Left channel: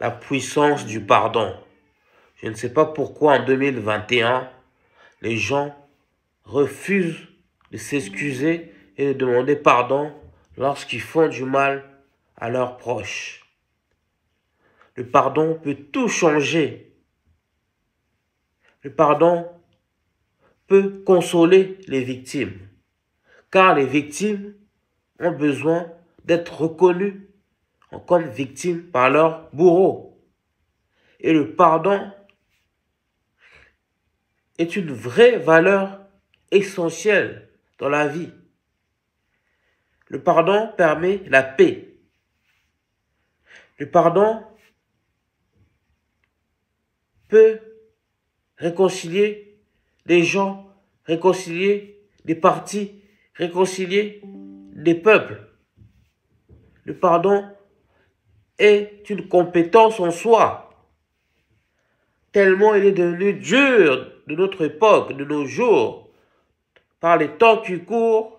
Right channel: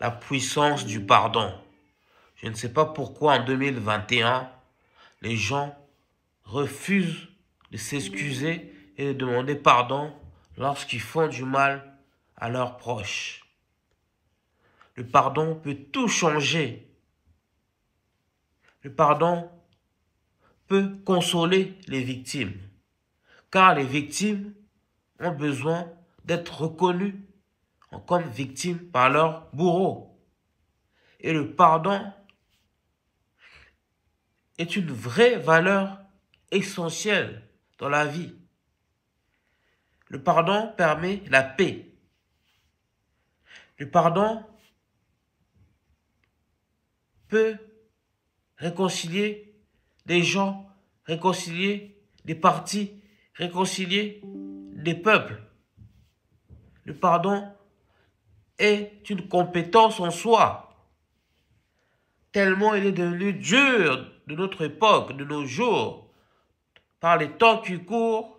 la puissance du pardon. Je ne sais pas pourquoi en 2021, les gens refusent de s'excuser et de demander pardon lorsqu'ils font du mal à leurs proches. Le pardon peut tout changer. Le pardon peut consoler les victimes, car les victimes ont besoin d'être reconnues comme victimes par leur bourreau. Et le pardon est une vraie valeur essentielle dans la vie. Le pardon permet la paix. Le pardon peut réconcilier des gens, réconcilier des partis, réconcilier des peuples. Le pardon est une compétence en soi, tellement il est devenu dur de notre époque, de nos jours, par les temps qui courent,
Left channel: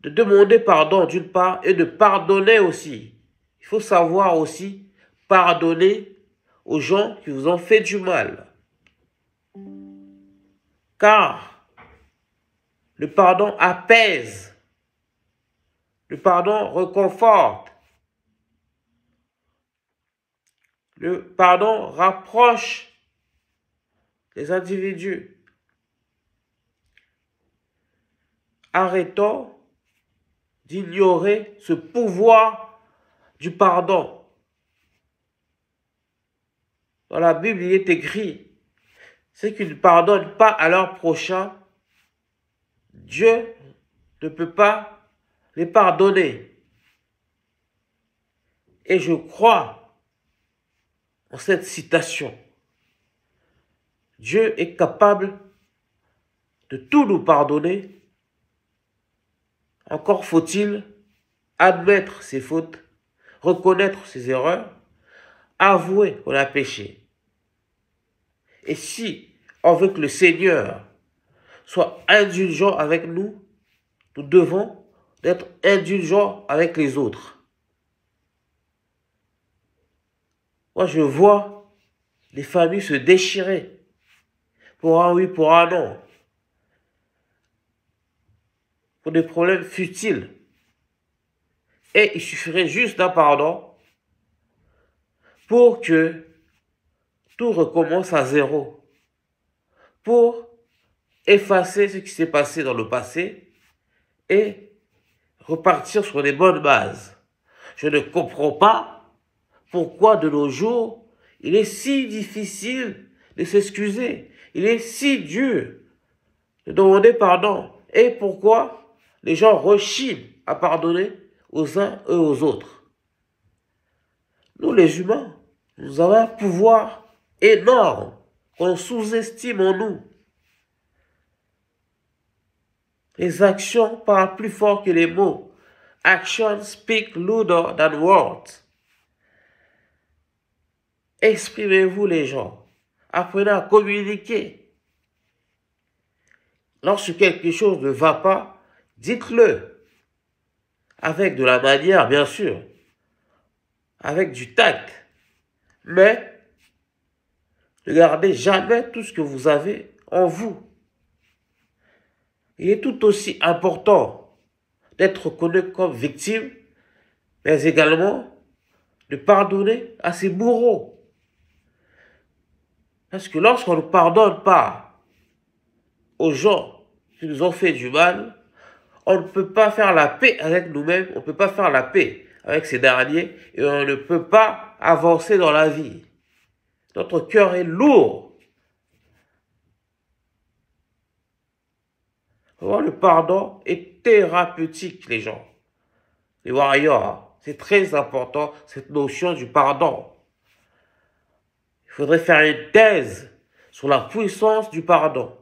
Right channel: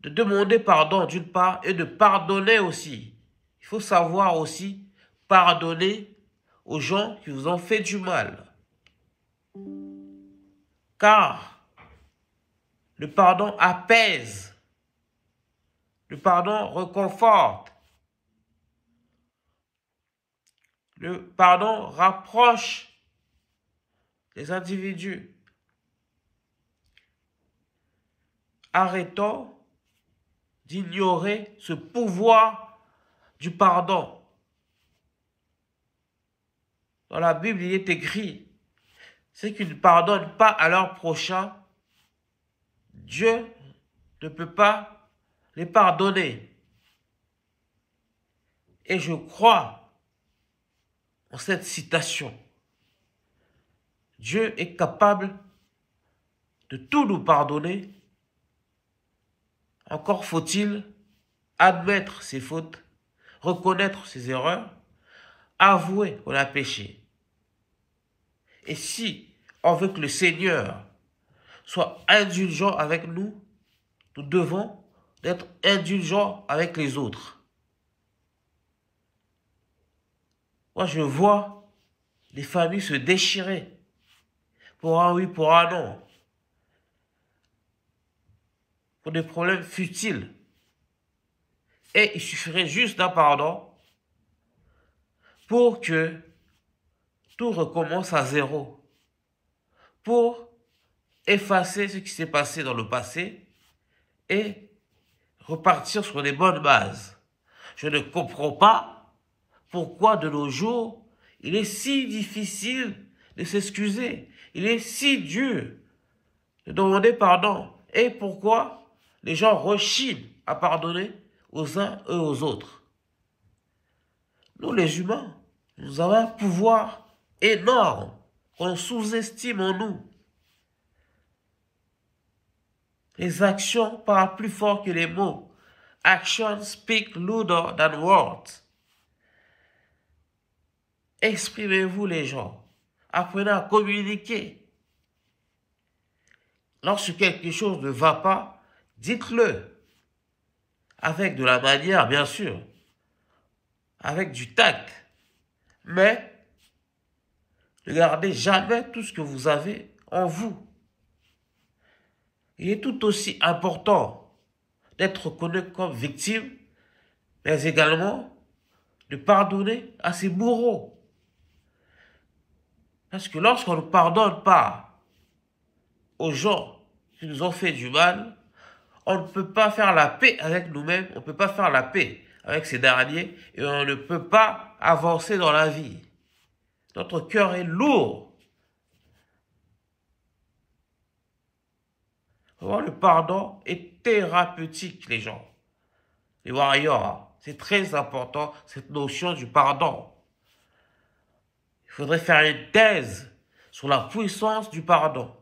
de demander pardon d'une part et de pardonner aussi. Il faut savoir aussi pardonner aux gens qui vous ont fait du mal. Car le pardon apaise, le pardon réconforte, le pardon rapproche les individus. Arrêtons d'ignorer ce pouvoir du pardon. Dans la Bible, il est écrit, ceux qui ne pardonnent pas à leur prochain, Dieu ne peut pas les pardonner. Et je crois en cette citation. Dieu est capable de tout nous pardonner. Encore faut-il admettre ses fautes, reconnaître ses erreurs, avouer qu'on a péché. Et si on veut que le Seigneur soit indulgent avec nous, nous devons être indulgents avec les autres. Moi, je vois les familles se déchirer pour un oui, pour un non, pour des problèmes futiles. Et il suffirait juste d'un pardon pour que tout recommence à zéro, pour effacer ce qui s'est passé dans le passé et repartir sur des bonnes bases. Je ne comprends pas pourquoi de nos jours, il est si difficile de s'excuser, il est si dur de demander pardon. Et pourquoi les gens rechignent à pardonner aux uns et aux autres. Nous les humains, nous avons un pouvoir énorme qu'on sous-estime en nous. Les actions parlent plus fort que les mots. Actions speak louder than words. Exprimez-vous les gens. Apprenez à communiquer. Lorsque quelque chose ne va pas, dites-le. Avec de la manière, bien sûr. Avec du tact. Mais ne gardez jamais tout ce que vous avez en vous. Il est tout aussi important d'être reconnu comme victime, mais également de pardonner à ses bourreaux. Parce que lorsqu'on ne pardonne pas aux gens qui nous ont fait du mal, on ne peut pas faire la paix avec nous-mêmes, on ne peut pas faire la paix avec ces derniers, et on ne peut pas avancer dans la vie. Notre cœur est lourd. Le pardon est thérapeutique, les gens. Les warriors, c'est très important, cette notion du pardon. Il faudrait faire une thèse sur la puissance du pardon.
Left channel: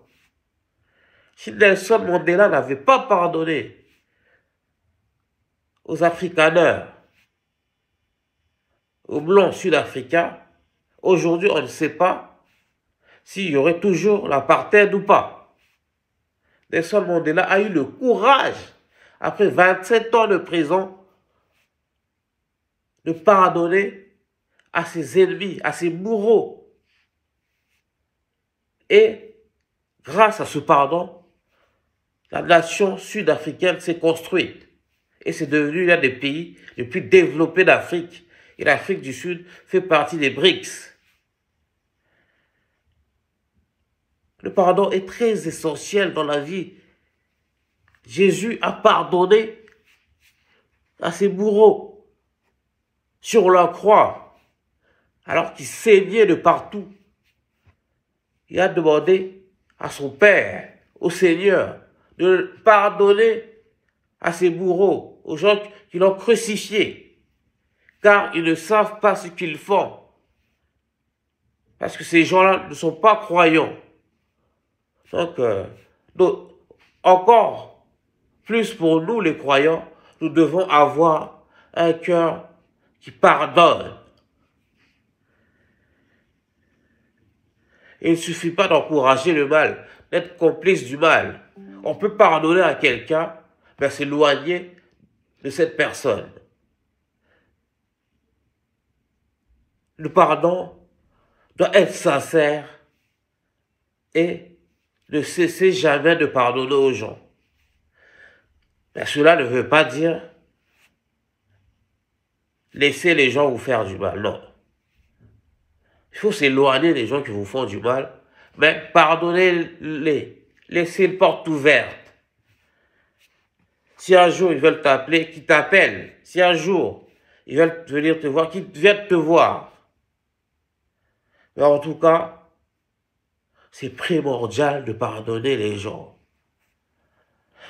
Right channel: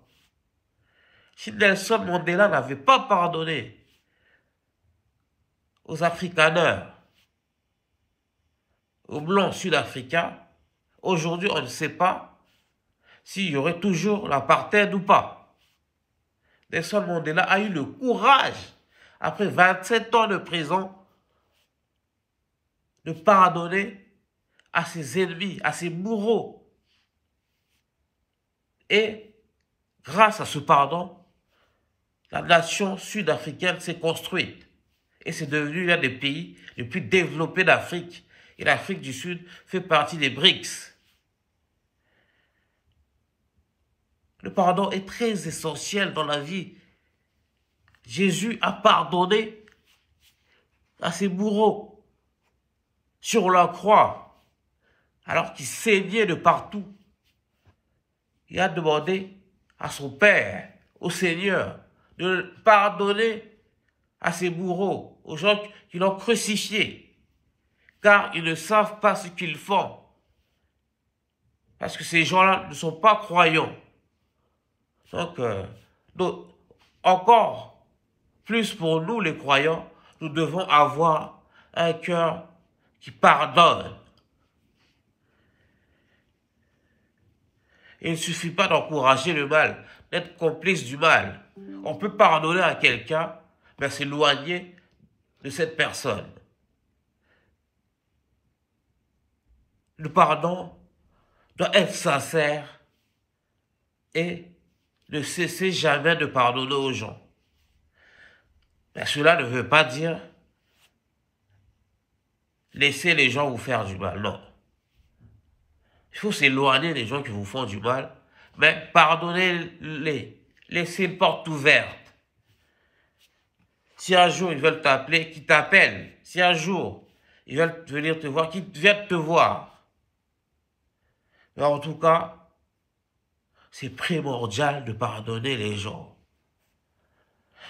Si Nelson Mandela n'avait pas pardonné aux Afrikaners, aux Blancs sud-africains, aujourd'hui, on ne sait pas s'il y aurait toujours l'apartheid ou pas. Nelson Mandela a eu le courage, après 27 ans de prison, de pardonner à ses ennemis, à ses bourreaux. Et grâce à ce pardon, la nation sud-africaine s'est construite. Et c'est devenu l'un des pays les plus développés d'Afrique. Et l'Afrique du Sud fait partie des BRICS. Le pardon est très essentiel dans la vie. Jésus a pardonné à ses bourreaux sur la croix, alors qu'il saignait de partout. Il a demandé à son Père, au Seigneur, de pardonner à ses bourreaux, aux gens qui l'ont crucifié, car ils ne savent pas ce qu'ils font. Parce que ces gens-là ne sont pas croyants. Donc, encore plus pour nous les croyants, nous devons avoir un cœur qui pardonne. Il ne suffit pas d'encourager le mal, d'être complice du mal. On peut pardonner à quelqu'un, mais s'éloigner de cette personne. Le pardon doit être sincère et ne cesser jamais de pardonner aux gens. Mais cela ne veut pas dire laisser les gens vous faire du mal, non. Il faut s'éloigner des gens qui vous font du mal, mais pardonnez-les, laissez une porte ouverte. Si un jour ils veulent t'appeler, qu'ils t'appellent. Si un jour ils veulent venir te voir, qu'ils viennent te voir. Mais en tout cas, c'est primordial de pardonner les gens.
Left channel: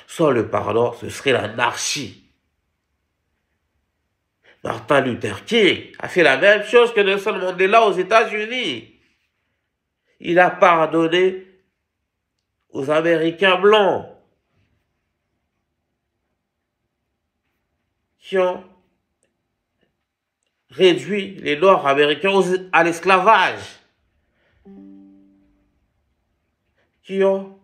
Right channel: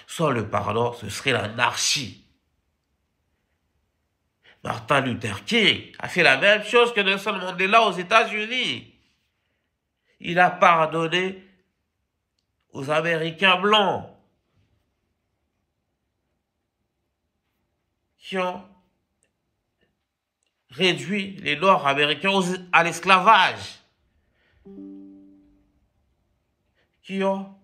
Sans le pardon, ce serait l'anarchie. Martin Luther King a fait la même chose que Nelson Mandela aux États-Unis. Il a pardonné aux Américains blancs qui ont réduit les Noirs américains à l'esclavage, qui ont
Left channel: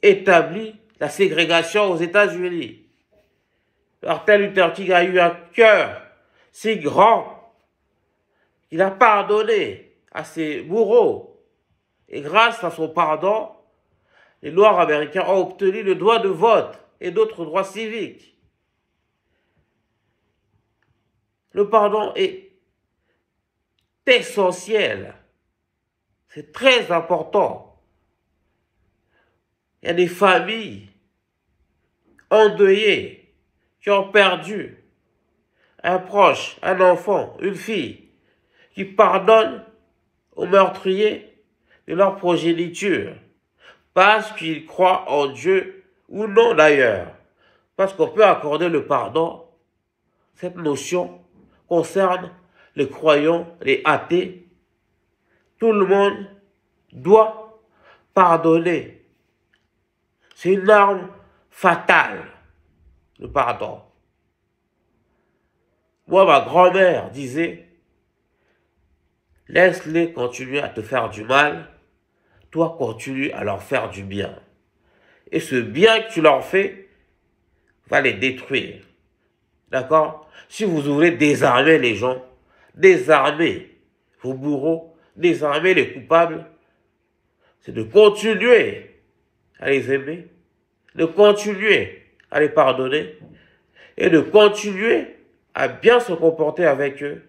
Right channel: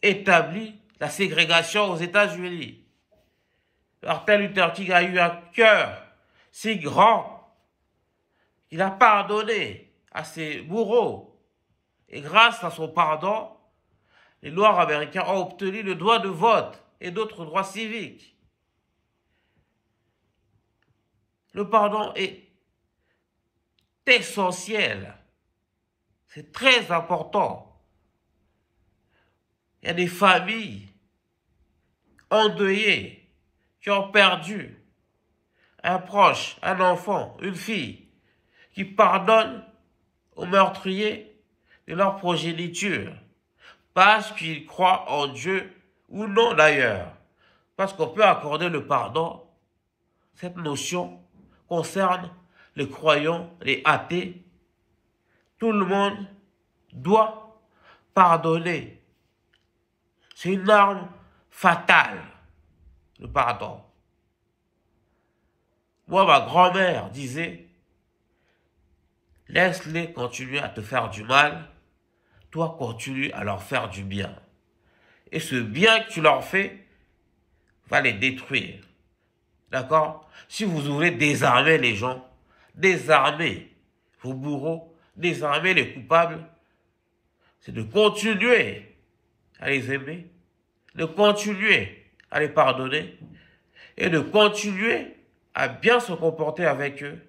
établi la ségrégation aux États-Unis. Martin Luther King a eu un cœur si grand qu'il a pardonné à ses bourreaux. Et grâce à son pardon, les Noirs américains ont obtenu le droit de vote et d'autres droits civiques. Le pardon est essentiel. C'est très important. Il y a des familles endeuillées qui ont perdu un proche, un enfant, une fille, qui pardonnent aux meurtriers de leur progéniture, parce qu'ils croient en Dieu ou non d'ailleurs. Parce qu'on peut accorder le pardon. Cette notion concerne les croyants, les athées. Tout le monde doit pardonner. C'est une arme fatale, le pardon. Moi, ma grand-mère disait, laisse-les continuer à te faire du mal, toi continue à leur faire du bien. Et ce bien que tu leur fais va les détruire. D'accord? Si vous voulez désarmer les gens, désarmer vos bourreaux, désarmer les coupables, c'est de continuer à les aimer, de continuer à les pardonner et de continuer à bien se comporter avec eux.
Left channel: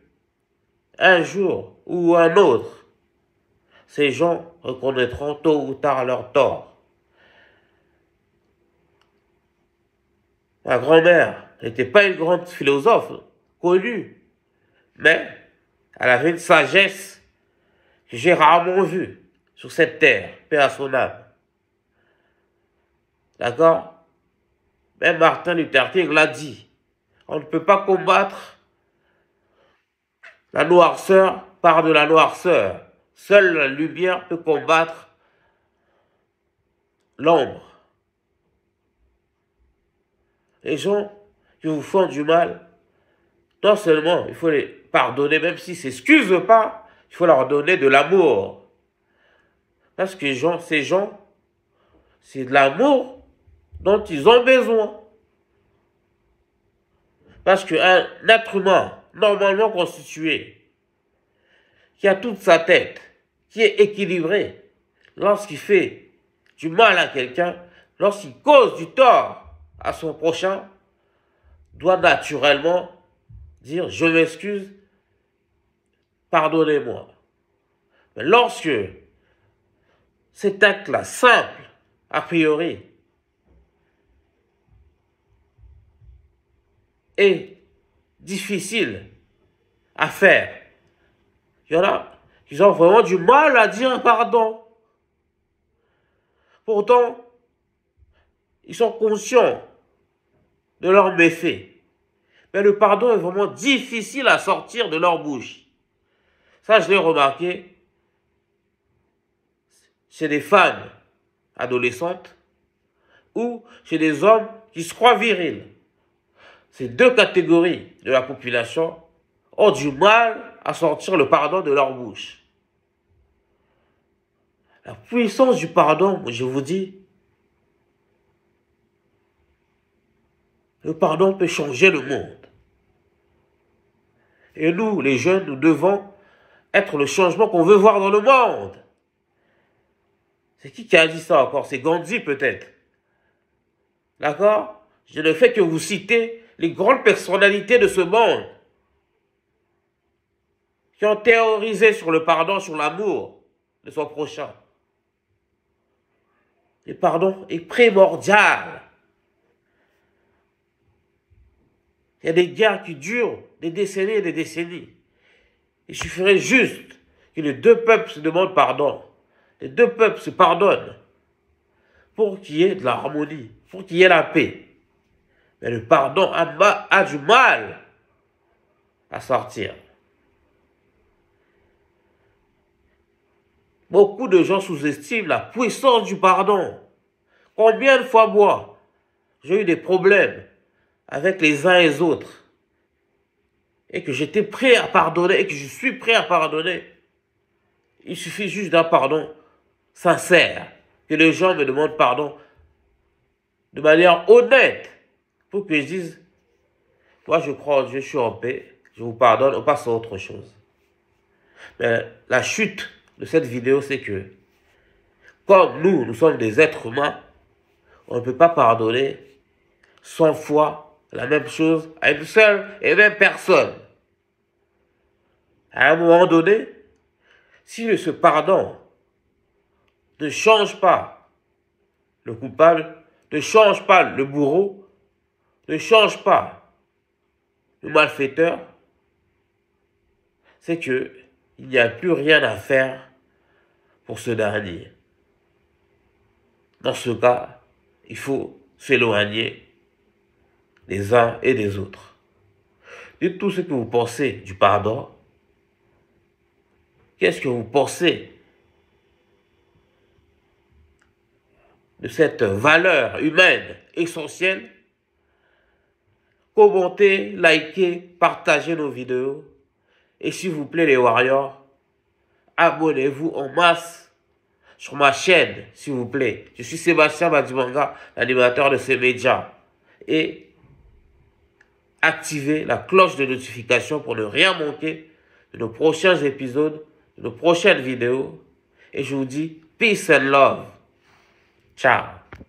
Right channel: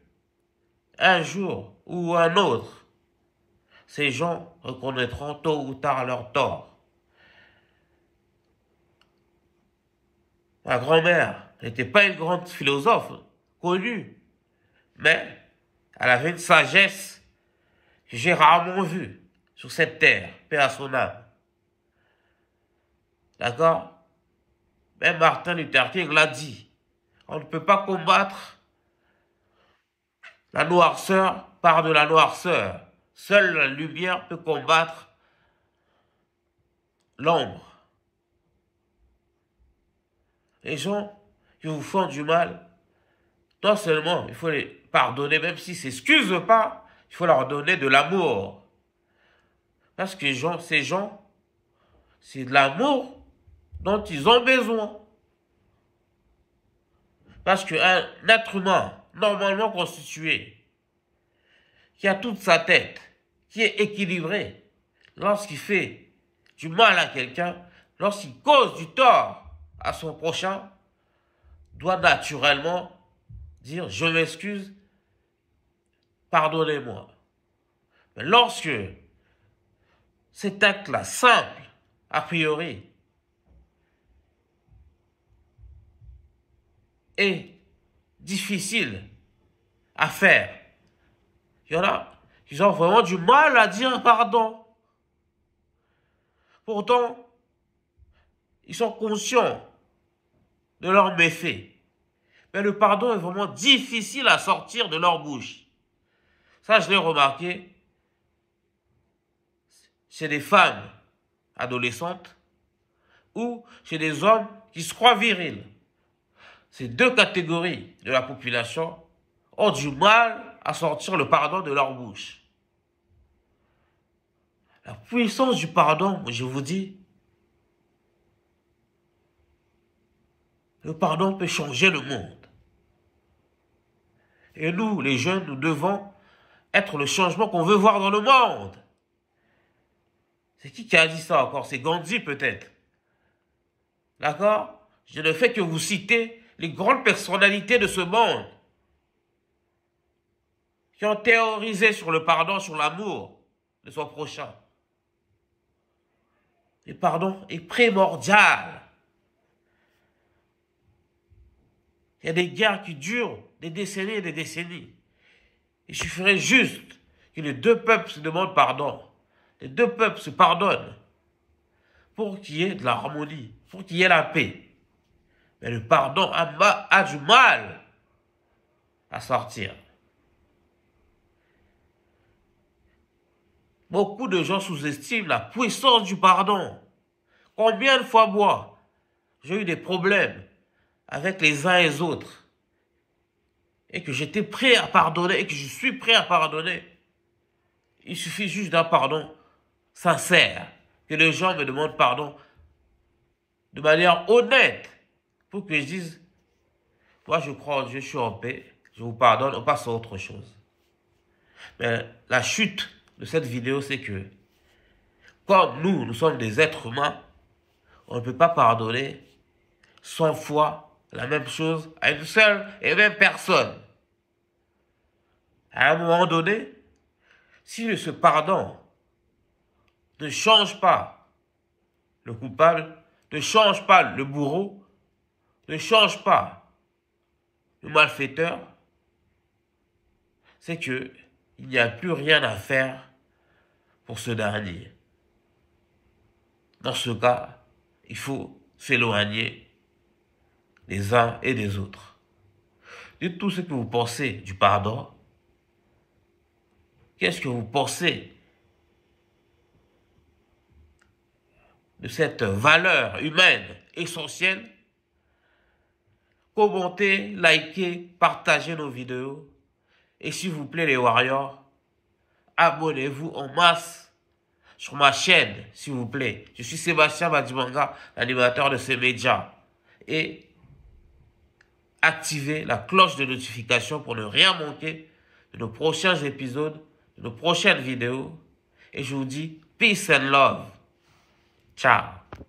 Un jour ou un autre, ces gens reconnaîtront tôt ou tard leur tort. Ma grand-mère n'était pas une grande philosophe connue, mais elle avait une sagesse que j'ai rarement vue sur cette terre, paix à son âme. D'accord? Même Martin Luther King l'a dit. On ne peut pas combattre la noirceur par de la noirceur. Seule la lumière peut combattre l'ombre. Les gens qui vous font du mal, non seulement il faut les pardonner, même s'ils ne s'excusent pas, il faut leur donner de l'amour. Parce que ces gens, c'est de l'amour dont ils ont besoin. Parce qu'un être humain normalement constitué, qui a toute sa tête, qui est équilibré, lorsqu'il fait du mal à quelqu'un, lorsqu'il cause du tort à son prochain, doit naturellement dire « je m'excuse, pardonnez-moi ». Mais lorsque cet acte-là, simple, a priori, est difficile à faire, il y en a qui ont vraiment du mal à dire pardon. Pourtant, ils sont conscients de leurs méfaits. Mais le pardon est vraiment difficile à sortir de leur bouche. Ça, je l'ai remarqué chez des femmes adolescentes ou chez des hommes qui se croient virils. Ces deux catégories de la population ont du mal à sortir le pardon de leur bouche. La puissance du pardon, je vous dis, le pardon peut changer le monde. Et nous, les jeunes, nous devons être le changement qu'on veut voir dans le monde. C'est qui a dit ça encore? C'est Gandhi peut-être. D'accord? Je ne fais que vous citer les grandes personnalités de ce monde qui ont théorisé sur le pardon, sur l'amour de son prochain. Le pardon est primordial. Il y a des guerres qui durent des décennies et des décennies. Il suffirait juste que les deux peuples se demandent pardon. Les deux peuples se pardonnent pour qu'il y ait de l'harmonie, pour qu'il y ait la paix. Mais le pardon a du mal à sortir. Beaucoup de gens sous-estiment la puissance du pardon. Combien de fois moi, j'ai eu des problèmes avec les uns et les autres et que j'étais prêt à pardonner et que je suis prêt à pardonner. Il suffit juste d'un pardon sincère, que les gens me demandent pardon de manière honnête pour que je dise, moi je crois en Dieu, je suis en paix, je vous pardonne, on passe à autre chose. Mais la chute de cette vidéo, c'est que comme nous sommes des êtres humains, on ne peut pas pardonner 100 fois la même chose à une seule et même personne. À un moment donné, si ce pardon ne change pas le coupable, ne change pas le bourreau, ne change pas le malfaiteur, c'est que il n'y a plus rien à faire pour ce dernier. Dans ce cas, il faut s'éloigner des uns et des autres. Dites tout ce que vous pensez du pardon. Qu'est-ce que vous pensez de cette valeur humaine essentielle? Commentez, likez, partagez nos vidéos. Et s'il vous plaît les warriors, abonnez-vous en masse sur ma chaîne, s'il vous plaît. Je suis Sébastien Badimanga, l'animateur de ces médias. Et activez la cloche de notification pour ne rien manquer de nos prochains épisodes, de nos prochaines vidéos. Et je vous dis peace and love. Ciao.